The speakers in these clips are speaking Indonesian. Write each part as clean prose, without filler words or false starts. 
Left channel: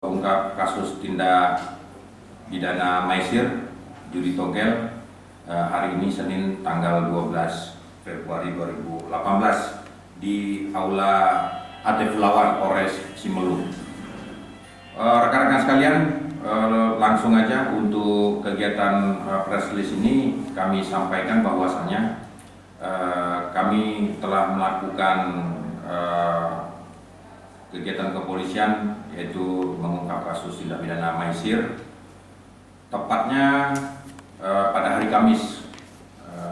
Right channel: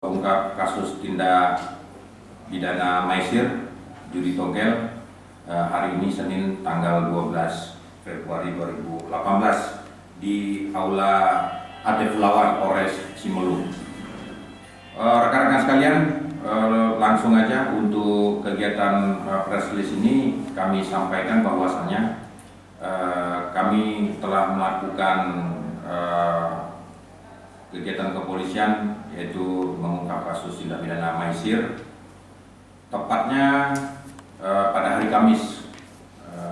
Ungkap kasus tindak pidana maisir judi togel hari ini Senin tanggal 12 Februari 2018 di Aula Atif Lawan Polres Simelu. Rekan-rekan sekalian, langsung aja untuk kegiatan press release ini kami sampaikan bahwasannya kami telah melakukan kegiatan kepolisian yaitu mengungkap kasus tindak pidana maisir tepatnya pada hari Kamis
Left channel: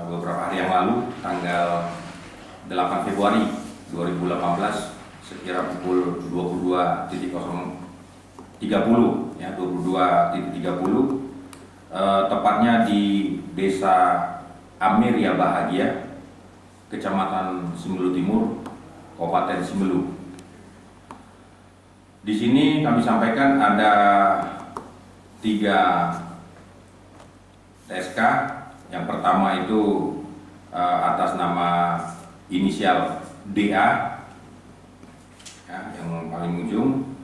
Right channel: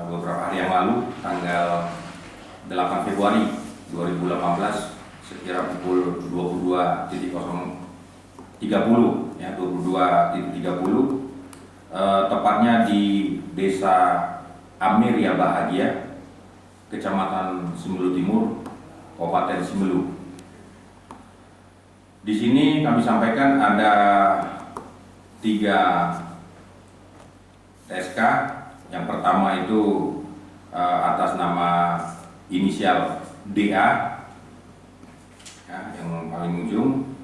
beberapa hari yang lalu tanggal 8 Februari 2018 sekira pukul 22.30 ya 22.30 tepatnya di Desa Amiria Bahagia, Kecamatan Simelu Timur, Kabupaten Simelu. Di sini kami sampaikan ada 3 TSK. Yang pertama itu atas nama inisial DA, ya, yang paling ujung.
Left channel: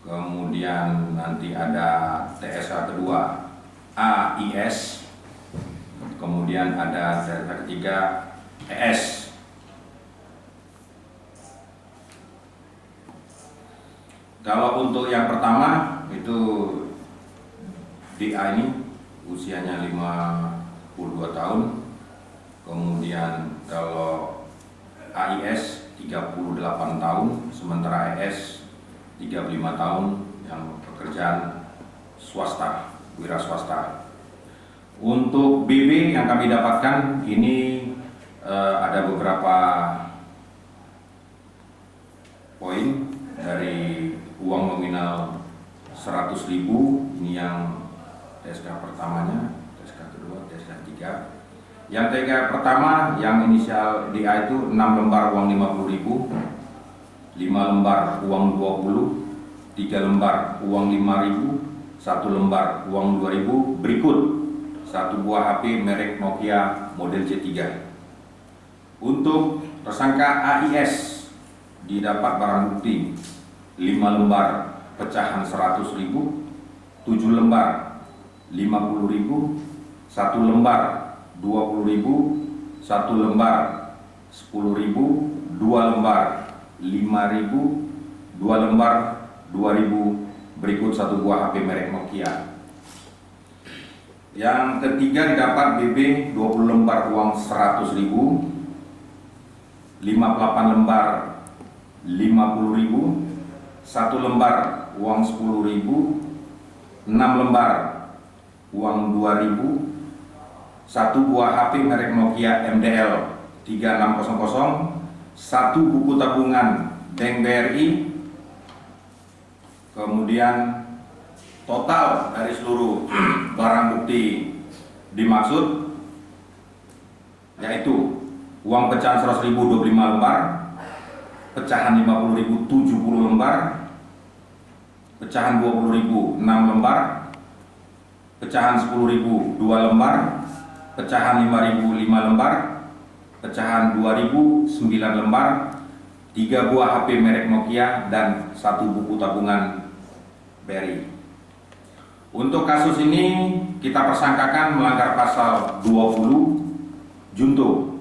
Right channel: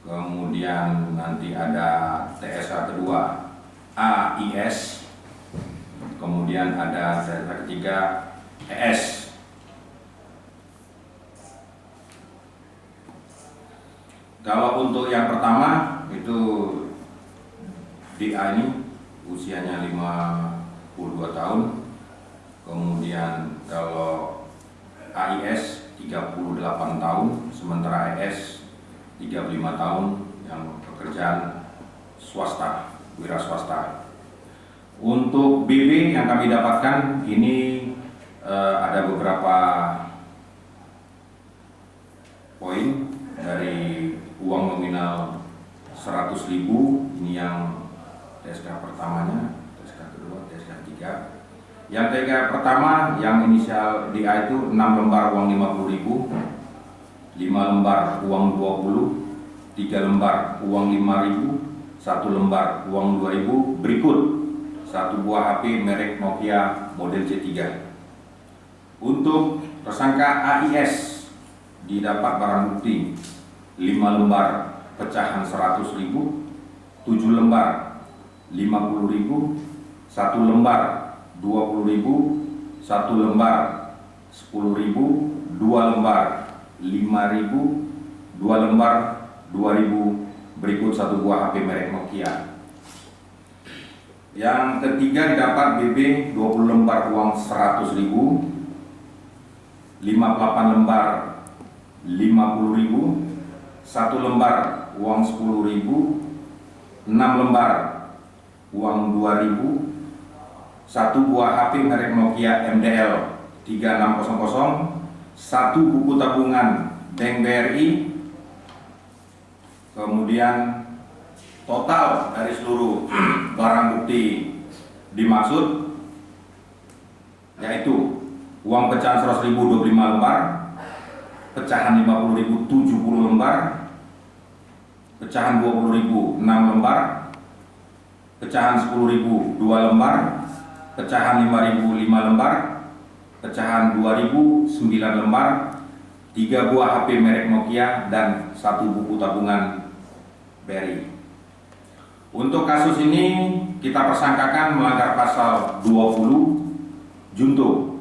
Kemudian nanti ada TSK kedua AIS. Kemudian ada TSK ketiga ES. Kalau untuk yang pertama itu DA ini usianya 52 tahun. Kemudian kalau AIS 38 tahun, sementara ES 35 tahun yang pekerjaan swasta, wira swasta. Untuk BB yang kami dapatkan ini ada beberapa poin dari uang nominal 100.000, ini yang TSK pertamanya, TSK kedua, TSK ketiga. Yang TSK pertama yang inisial DA itu 6 lembar uang 50.000, 5 lembar uang 20, 3 lembar uang 5.000, 1 lembar uang 2.000, berikut 1 buah HP merek Nokia model C3. Untuk tersangka AIS didapat barang bukti 5 lembar pecahan 100.000, 7 lembar 50.000, 1 lembar 20.000, 1 lembar 10.000, 2 lembar 5.000, 2 lembar 2.000, berikut 1 buah HP merek Nokia. Yang ketiga didapat BB 20 lembar uang 100.000, 58 lembar 50.000, 1 lembar uang 10.000, 6 lembar uang 2.000, 1 buah HP merek Nokia MDL 3600, 1 buku tabungan Bank BRI. Kemudian total dari seluruh barang bukti dimaksud yaitu uang pecahan 100.000 25 lembar, pecahan 50.000 70 lembar, pecahan 20.000 6 lembar, pecahan 10.000 2 lembar, pecahan 5.000 5 lembar, pecahan 2.000 9 lembar, 3 buah HP merek Nokia dan 1 buku tabungan BRI. Untuk kasus ini kita persangkakan melanggar pasal 20 junto,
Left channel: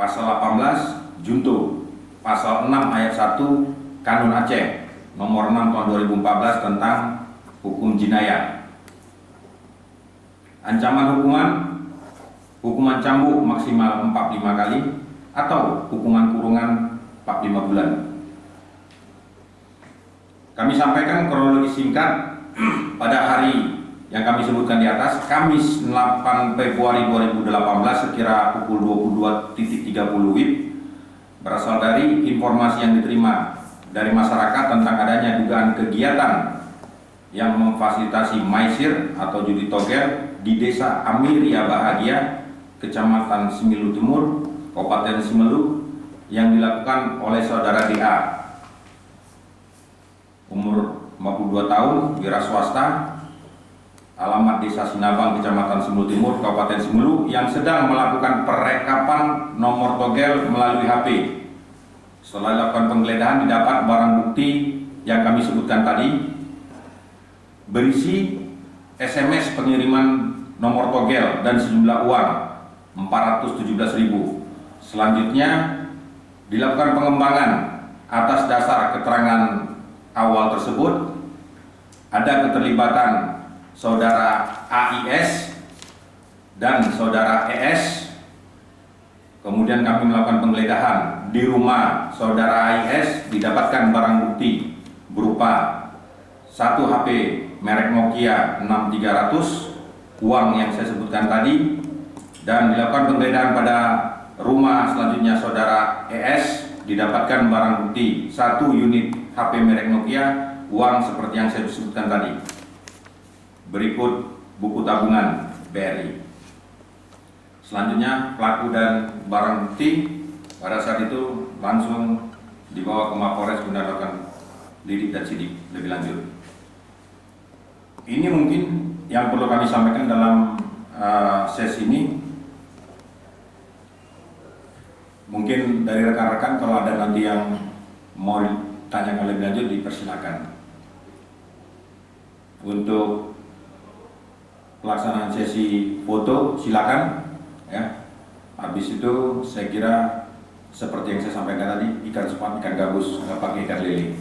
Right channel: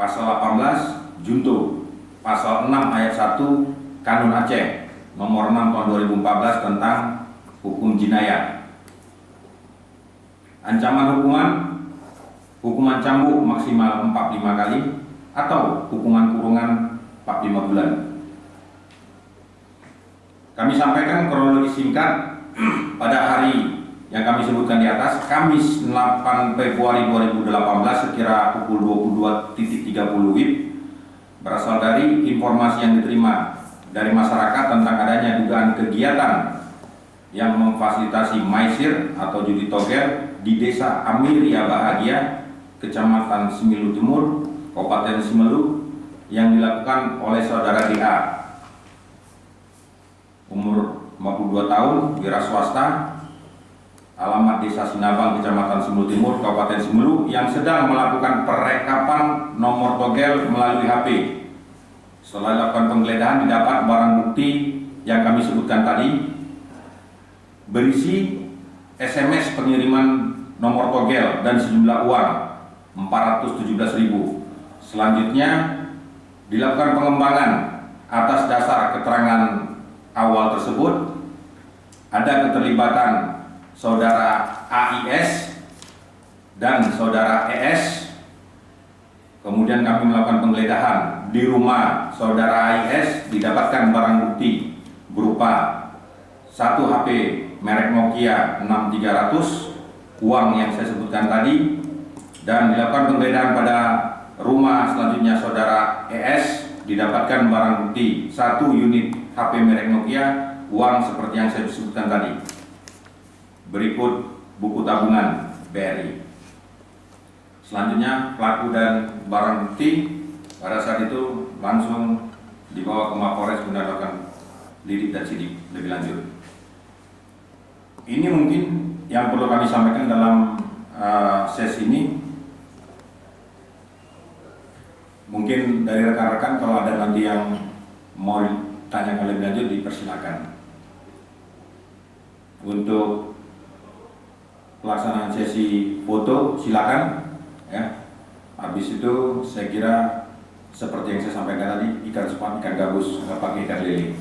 pasal 18 junto, pasal 6 ayat 1 Kanun Aceh nomor 6 tahun 2014 tentang hukum jinayah. Ancaman hukuman cambuk maksimal 45 kali atau hukuman kurungan 45 bulan. Kami sampaikan kronologi singkat pada hari yang kami sebutkan di atas, Kamis 8 Februari 2018 sekira pukul 22.30 WIB, berasal dari informasi yang diterima dari masyarakat tentang adanya dugaan kegiatan yang memfasilitasi maisir atau judi togel di Desa Amiria Bahagia, Kecamatan Simelu Timur, Kabupaten Simelu, yang dilakukan oleh saudara DA, umur 52 tahun, wira swasta, alamat Desa Sinabang, Kecamatan Simelu Timur, Kabupaten Simelu, yang sedang melakukan perekapan nomor togel melalui HP. Setelah dilakukan penggeledahan didapat barang bukti yang kami sebutkan tadi, berisi SMS pengiriman nomor togel dan sejumlah uang 417.000. Selanjutnya dilakukan pengembangan atas dasar keterangan awal tersebut. Ada keterlibatan saudara AIS dan saudara ES. Kemudian kami melakukan penggeledahan di rumah saudara AIS, didapatkan barang bukti berupa 1 HP merek Nokia 6300, uang yang saya sebutkan tadi, dan dilakukan penggeledahan pada rumah selanjutnya saudara ES, didapatkan barang bukti 1 unit HP merek Nokia, uang seperti yang saya sebutkan tadi. Berikut buku tabungan BRI. Selanjutnya pelaku dan barang bukti pada saat itu langsung dibawa ke Mapolres guna dilakukan lidik dan sidik lebih lanjut. Ini mungkin yang perlu kami sampaikan dalam sesi ini. Mungkin dari rekan-rekan kalau ada nanti yang mau tanyakan lebih lanjut dipersilakan. Untuk pelaksanaan sesi foto silakan ya. Habis itu saya kira seperti yang saya sampaikan tadi, ikan sepat, ikan gabus, nggak pakai ikan lele.